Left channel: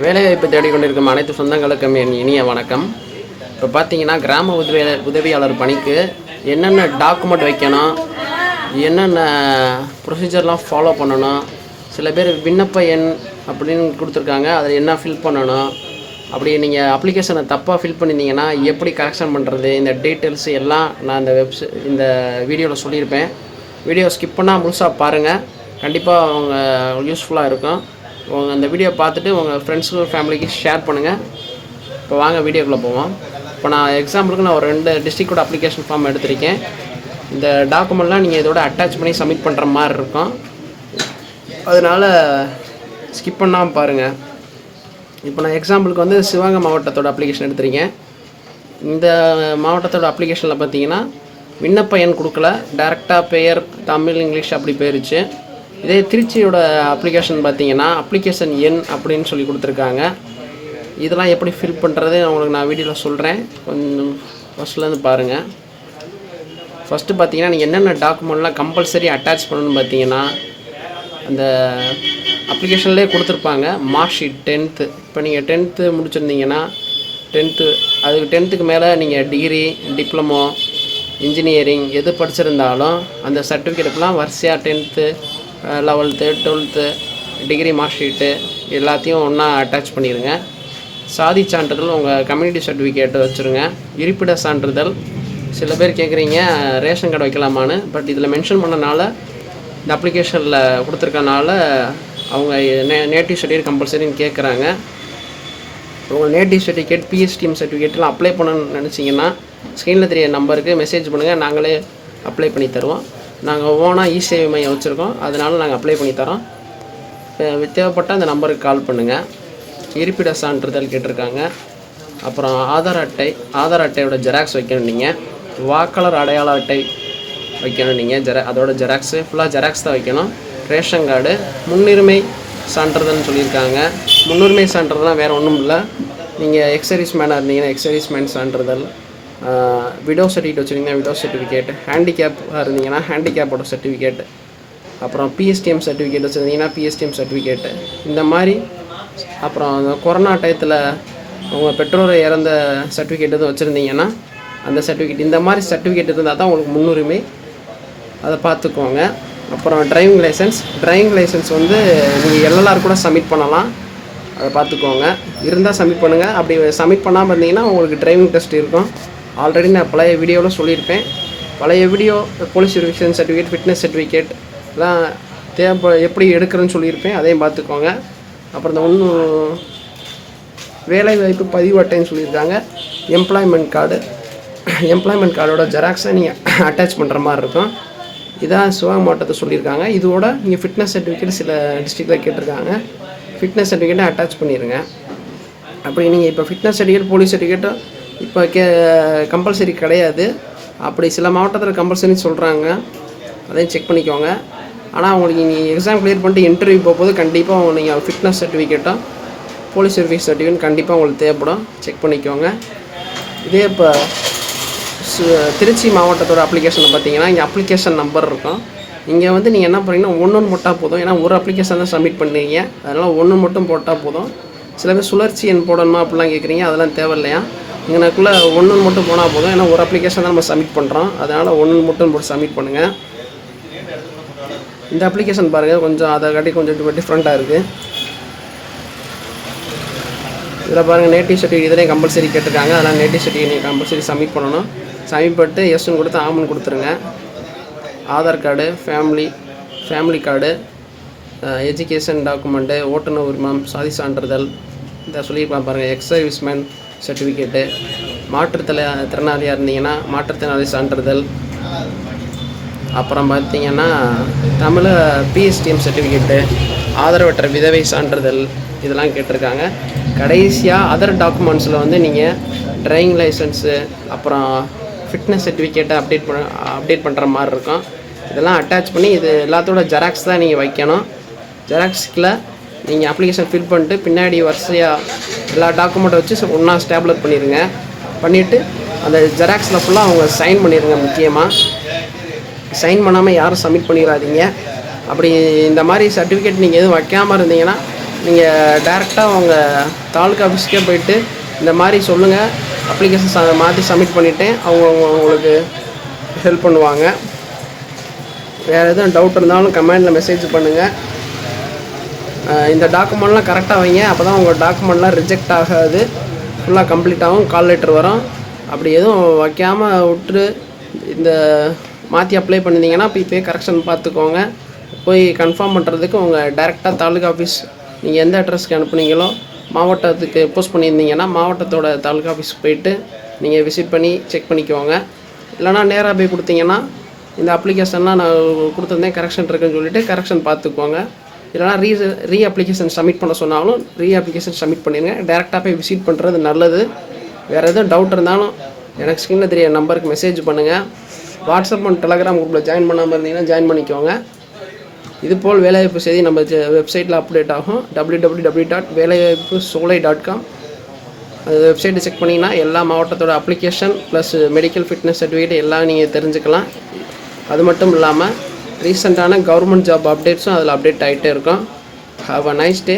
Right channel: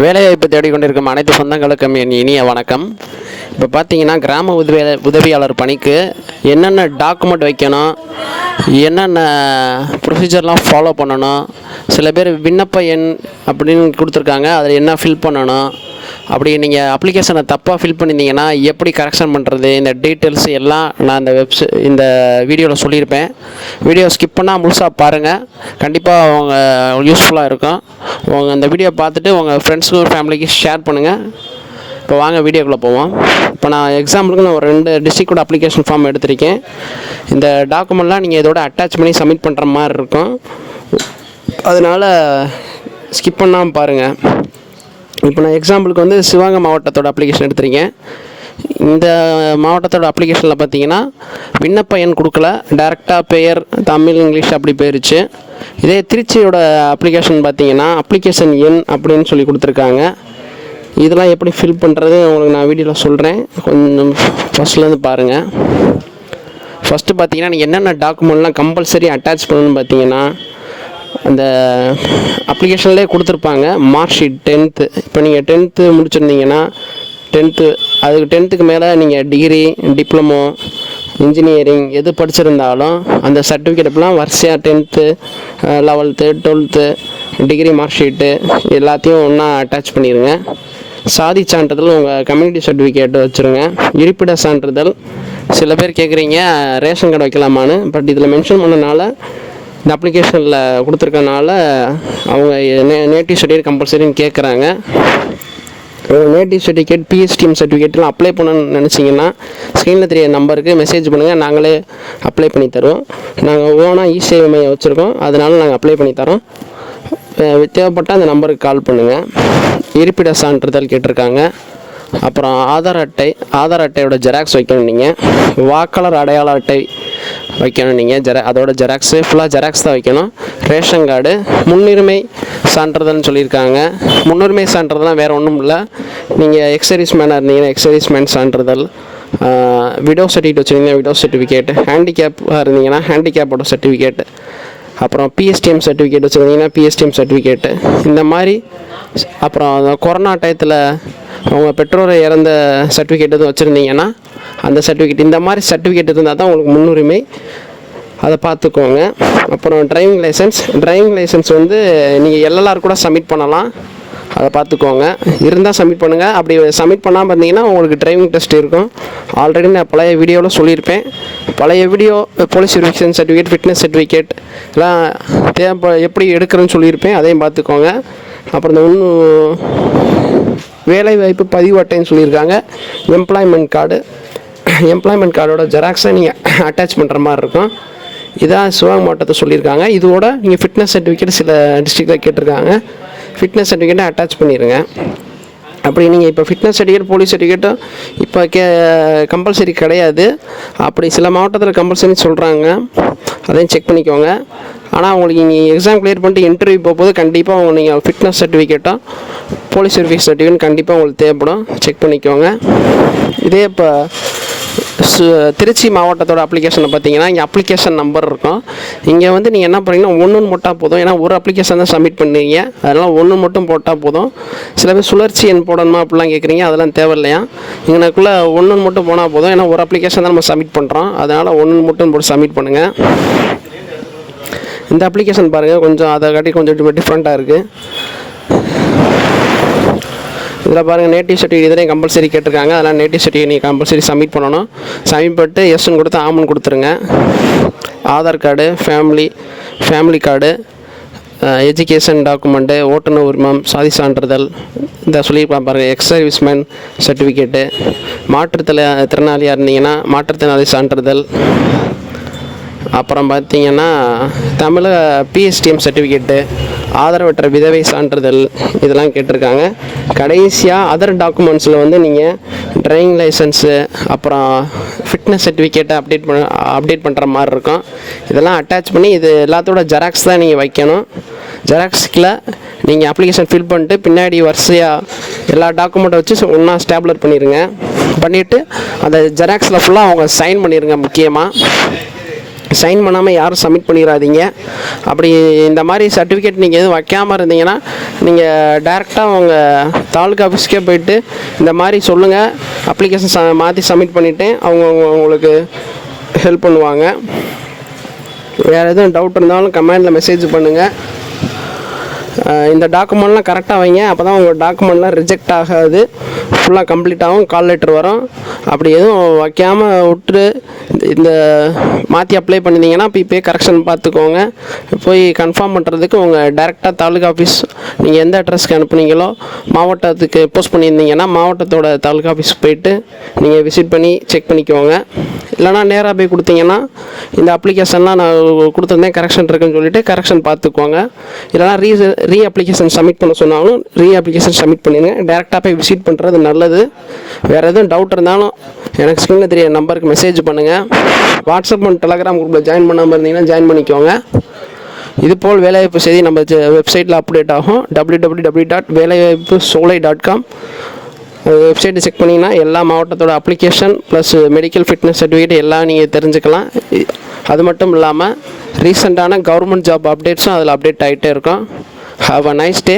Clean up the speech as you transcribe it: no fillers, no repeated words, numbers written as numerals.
வேலைவாய்ப்பு தேடிக்கொண்டிருக்கும் அனைத்து சொந்தங்களுக்கும் என் இனிய வணக்கம். இப்போ பார்த்தீங்கன்னா கிராம உதவியாளர் பணிக்கு என்னென்ன டாக்குமெண்ட் வைக்கணும், என்னென்ன ப்ரொசீஜர்லாம் ஃபாலோ பண்ணணும், சில பேர் விண்ணப்ப எண் அப்படின்னு கொடுத்துருக்காங்க, அதில் என்ன ஃபில் பண்ணணும், அப்படி நீங்கள் அப்ளிகேஷனை தப்பாக ஃபில் பண்ணியிருந்தீங்கன்னா எப்படி கரெக்ஷன் பண்ணுறது, இந்த டீட்டெயில்ஸ் எல்லாம் நான் இந்த வீடியோவில் சொல்லியிருப்பேன். வீடியோ ஸ்கிப் பண்ணால் முழுசாக பாருங்கள், கண்டிப்பாக அவங்க யூஸ்ஃபுல்லாக இருக்கும். உங்கள் அந்த வீடியோ பார்த்துட்டு உங்கள் ஃப்ரெண்ட்ஸுக்கு ஃபேமிலிக்கு ஷேர் பண்ணுங்கள். இப்போ வாங்க வீடியோக்குள்ளே போவோம். இப்போ நான் எக்ஸாம்பிளுக்கு நான் ஒரு 2 டிஸ்ட்ரிக்டோட அப்ளிகேஷன் ஃபார்ம் எடுத்திருக்கேன். இந்த டாக்குமெண்ட்லாம் நீங்கள் இதோட அட்டாச் பண்ணி சப்மிட் பண்ணுற மாதிரி இருக்கும், அதனால் ஸ்கிப் பண்ணாமல் பாருங்கள். இப்போ நான் எக்ஸாம்பிளுக்கு வந்து சிவகங்கை மாவட்டத்தோட அப்ளிகேஷன் எடுத்திருக்கேன். இந்த மாவட்டத்தோட அப்ளிகேஷனில் பார்த்தீங்கன்னா விண்ணப்ப எண் கொடுக்கல, டேரெக்டாக பெயர் தமிழ் இங்கிலீஷ் அப்படி போயிருச்சு. இதே திருச்சியோட அப்ளிகேஷன் பார்த்தீங்கன்னா அப்ளிகேஷன் எண் அப்படின்னு சொல்லி கொடுத்துருக்காங்க. இதெல்லாம் எப்படி ஃபில் பண்ணுறது உங்களுக்கு நான் வீடியோவில் சொல்கிறேன், கொஞ்சம் ஃபஸ்ட்லேருந்து பாருங்கள். ஃபஸ்ட்டு பார்த்தீங்கன்னா நீங்கள் என்னென்ன டாக்குமெண்ட்லாம் கம்பல்சரி அட்டாச் பண்ணணும்னு பார்த்தீங்கன்னா அந்த அப்ளிகேஷன்லேயே கொடுத்துருப்பாங்க. மார்க் ஷீட் 10th, இப்போ நீங்கள் 10th முடிச்சிருந்தீங்கன்னா 10th, அதுக்கு 10th மேலே நீங்கள் டிகிரி, டிப்ளமோ, இன்ஜினியரிங் எது படிச்சிருந்தாலும் அந்த சர்டிஃபிகேட்லாம் வரிசையாக 10th, 11th, 12th degree mark sheet எல்லாத்தையும் ஒன்றா அட்டாச் பண்ணிடுங்க. சாதி சான்றிதழ், உங்கள் கம்யூனிட்டி சர்டிஃபிகேட் வச்சுருங்க. இருப்பிட சான்றிதழ், சில பேர் கேட்குறீங்க ரேஷன் கார்டு வைக்கலாமான்னு, பட் இதில் மென்ஷன் பண்ணனால இந்த அப்ளிகேஷனில் கொடுத்துருக்கனால அவங்க நேட்டிவ் சர்டிஃபிகேட் கம்பல்சரின்னு கேட்குறாங்க. நேட்டிவ் சர்டிஃபிகேட், பிஎஸ்டிஎம் சர்டிஃபிகேட்லாம் அப்ளை பண்ணணும்னு நினச்சிங்கன்னா ஸ்க்ரீனில் தெரிய நம்பருக்கு மெசேஜ் பண்ணுங்கள், நாங்களே அப்ளை பண்ணி தருவோம். நாங்கள் ஓனாக இ-சேவை மையம் வச்சுருக்கோம், அதனால் நாங்கள் அப்ளை பண்ணி தரோம். தேவைப்பட்டால் அந்த நம்பருக்கு கால் பண்ணுங்கள். இருப்பிட சான்றிதழ் கேட்டிருக்காங்க. அப்புறம் ஆதார் அட்டையோட ஜெராக்ஸ் வைக்கணும் நீங்கள். வாக்காளர் அடையாள அட்டை வைக்கணும் நீங்கள். அதோட ஜெராக்ஸு ஃபுல்லாக ஜெராக்ஸ் தான் வைக்கணும். ரேஷன் கார்டு, முன்னுரிமை சான்றிதழ்னு சொல்லியிருக்காங்க. முன்னுரிமை சான்றிதழ்னால் வேறு ஒன்றும் இல்லை, நீங்கள் எக்ஸர்வீஸ் மேனாக இருந்தீங்கன்னா எக்ஸர்வீஸ் மேன் சான்றிதழ், விடோ சர்டிஃபிகேட் வச்சுருந்தீங்கன்னா விடோ சர்டிஃபிகேட், ஹேண்டிகேப்பாக இருந்தீங்கன்னா ஹேண்டிகேப்போட சர்டிஃபிகேட், அப்புறம் பிஎஸ்டிஎம் சர்டிஃபிகேட் வச்சுருந்தீங்கன்னா பிஎஸ்டிஎம் சர்டிஃபிகேட்டு, இந்த மாதிரி. அப்புறம் கொரோனா டயத்தில் அவங்க பெற்றோரை இறந்த சர்டிஃபிகேட் எதுவும் வச்சுருந்தீங்கன்னா அந்த சர்டிஃபிகேட், இந்த மாதிரி சர்டிஃபிகேட் இருந்தால் தான் உங்களுக்கு முன்னுரிமை, அதை பார்த்துக்கோங்க. அப்புறம் டிரைவிங் லைசன்ஸ் வந்து நீங்கள் எல்எல்ஆர் கூட சப்மிட் பண்ணலாம், அதை பார்த்துக்கோங்க. இருந்தால் சப்மிட் பண்ணுங்கள். அப்படி சப்மிட் பண்ணாமல் இருந்தீங்கன்னா உங்களுக்கு டிரைவிங் டெஸ்ட் இருக்கும். ஆல்ரெடி நான் பழைய வீடியோவில் சொல்லியிருப்பேன். பழைய video police verification certificate, fitness certificate எல்லாம் எப்படி எடுக்கிறேன்னு சொல்லியிருப்பேன், அதையும் பார்த்துக்கோங்க. அப்புறம் இந்த வேலைவாய்ப்பு பதிவு அட்டைன்னு சொல்லியிருக்காங்க. எம்ப்ளாய்மெண்ட் கார்டோட ஜெராக்ஸை நீங்கள் அட்டாச் பண்ணுற மாதிரி இருக்கும். இதான் சிவகங்கை மாவட்டத்தை சொல்லியிருக்காங்க. இதோட நீங்கள் ஃபிட்னஸ் சர்டிஃபிகேட் சில டிஸ்ட்ரிக்டில் கேட்டிருக்காங்க, ஃபிட்னஸ் சர்டிஃபிகேட்டை அட்டாச் பண்ணிடுங்க. அப்படி நீங்கள் இப்போ ஃபிட்னஸ் சர்டிஃபிகேட், போலீஸ் சர்டிஃபிகேட்டும் இப்போ கம்பல்சரி கிடையாது. அப்படி சில மாவட்டத்தில் கம்பல்சரி சொல்கிறாங்க, அதையும் செக் பண்ணிக்கோங்க. ஆனால் உங்களுக்கு நீங்கள் எக்ஸாம் கிளியர் பண்ணிட்டு இன்டர்வியூ போகும்போது கண்டிப்பாக நீங்கள் ஃபிட்னஸ் சர்டிஃபிகேட்டும் போலீஸ் சர்வீஸ் சர்டிஃபிகேட் கண்டிப்பாக உங்களுக்கு தேவைப்படும், செக் பண்ணிக்கோங்க. இதே இப்போ திருச்சி மாவட்டத்தோட அப்ளிகேஷனை பார்த்தீங்கன்னா இங்கே அப்ளிகேஷன் நம்பர் இருக்கும். இங்கே வந்து நீங்கள் என்ன பண்ணீங்கன்னா 1 போட்டால் போதும், ஏன்னா ஒரு அப்ளிகேஷன் தான் சப்மிட் பண்ணுறீங்க, அதனால் 1 மட்டும் போட்டால் போதும். சில பேர் சுழற்சி எண் போடணுமா அப்படிலாம் கேட்குறீங்க, அதெல்லாம் தேவையில்லையா. இங்கனக்குள்ளே 1 மட்டும் போனால் போதும், ஏன்னா ஒரு அப்ளிகேஷன் தான் நம்ம சப்மிட் பண்ணுறோம், அதனால் 1 மட்டும் போட்டு சப்மிட் பண்ணுங்கள். இந்த அப்ளிகேஷன் பாருங்கள், கொஞ்சம் அதை காட்டி கொஞ்சம் டிஃப்ரெண்ட்டாக இருக்குது. இதில் பாருங்கள் நேட்டிவ் சர்டிஃபிகேட் இதெல்லாம் கம்பல்சரி கேட்டிருக்காங்க, அதனால் நேட்டிவ் சர்டிஃபிகேட் நீங்கள் கம்பல்சரி சப்மிட் பண்ணணும். சப்மிட் பண்ணிட்டு எஸ்ன்னு கொடுத்து ஆமன் கொடுத்துருங்க. Aadhaar card, family card, education document, ஓட்டுநர் உரிமம், சாதி சான்றிதழ், இந்த சொல்லியிருப்பாங்க பாருங்கள், எக்ஸர்வீஸ்மேன் சர்டிஃபிகேட்டு, மாற்றுத்திறனாளியாக இருந்தீங்கன்னா மாற்றுத்திறனாளி சான்றிதழ், அப்புறம் பார்த்தீங்கன்னா தமிழ் பிஎஸ்டிஎம் சர்டிஃபிகேட்டு, ஆதரவற்ற விதவை சான்றிதழ், இதெல்லாம் கேட்டிருக்காங்க. கடைசியாக அதர் டாக்குமெண்ட்ஸில் வந்து நீங்கள் டிரைவிங் லைசன்ஸு, அப்புறம் ஃபிட்னஸ் சர்டிஃபிகேட்டை அப்டேட் பண்ணுற மாதிரி இருக்கும். இதெல்லாம் அட்டாச் பண்ணி இது எல்லாத்தோட ஜெராக்ஸ் தான் நீங்கள் வைக்கணும். ஜெராக்ஸில் நீங்கள் அப்ளிகேஷன் ஃபில் பண்ணிட்டு பின்னாடி வரிசையாக எல்லா டாக்குமெண்ட்டை வச்சு ஒன்றா ஸ்டேப்லர் பண்ணிவிட்டு அந்த ஜெராக்ஸில் ஃபுல்லாக அவங்க சைன் பண்ணிடுங்க. முக்கியமாக சைன் பண்ணாமல் யாரும் சப்மிட் பண்ணிடாதீங்க. அப்படி இந்த மாதிரி சர்டிஃபிகேட் நீங்கள் எதுவும் வைக்காமல் இருந்தீங்கன்னா நீங்கள் டேரெக்டாக அவங்க தாலுக்கா ஆஃபீஸ்க்கே போயிட்டு இந்த மாதிரி சொல்லுங்கள், அப்ளிகேஷன் மாற்றி சப்மிட் பண்ணிவிட்டு அவங்க உங்களுக்கு ஹெல்ப் பண்ணுவாங்க. வேறு எதுவும் டவுட் இருந்தாலும் கமெண்டில் மெசேஜ் பண்ணுங்கள். இந்த டாக்குமெண்ட்லாம் கரெக்டாக வைங்க, அப்போ தான் உங்கள் டாக்குமெண்ட்லாம் ரிஜெக்ட் ஆகாது, ஃபுல்லாக கம்ப்ளீட் ஆகும், கால் லெட்டர் வரும். அப்படி எதுவும் வைக்காமல் விட்டு இந்த மாற்றி அப்ளை பண்ணிங்கன்னா போய் கரெக்ஷன் பார்த்துக்கோங்க. போய் கன்ஃபார்ம் பண்ணுறதுக்கு உங்கள் டேரெக்டாக தாலுக்கா ஆஃபீஸ் நீங்கள் எந்த அட்ரஸ்க்கு அனுப்புனீங்களோ மாவட்டத்துக்கு போஸ்ட் பண்ணியிருந்தீங்கன்னா மாவட்டத்தோட தாலுக்கா ஆஃபீஸ்க்கு போயிட்டு நீங்கள் விசிட் பண்ணி செக் பண்ணிக்குவாங்க. இல்லைனா நேராக போய் கொடுத்தீங்கன்னா இந்த அப்ளிகேஷன்லாம் நான் கொடுத்துருந்தேன் கரெக்ஷன் இருக்குன்னு சொல்லிவிட்டு கரெக்ஷன் பார்த்துக்குவாங்க. இல்லைனா ரீ அப்ளிகேஷன் சப்மிட் பண்ண சொன்னாலும் ரீ அப்ளிகேஷன் சப்மிட் பண்ணிடுங்க. டேரெக்டாக போய் விசிட் பண்ணுறது நல்லது. வேறு எதுவும் டவுட் இருந்தாலும் எனக்கு ஸ்க்ரீனில் தெரிய நம்பருக்கு மெசேஜ் பண்ணுங்கள். வாட்ஸ்அப் மற்றும் டெலகிராம் குரூப்பில் ஜாயின் பண்ணாமல் இருந்தீங்கன்னா ஜாயின் பண்ணிக்கோங்க. இதுபோல் வேலைவாய்ப்பு செய்தி நம்ம வெப்சைட்டில் அப்டேட் ஆகும். www.velaivaipussolai.com அந்த வெப்சைட்டை செக் பண்ணிங்கன்னா எல்லா மாவட்டத்தோட application plus medical fitness certificate எல்லாம் நீங்கள் தெரிஞ்சுக்கலாம். அது மட்டும் இல்லாமல் ரீசெண்டான கவர்மெண்ட் ஜாப் அப்டேட்ஸும் அதில் அப்டேட் ஆகிட்டே இருக்கும். Have a nice day.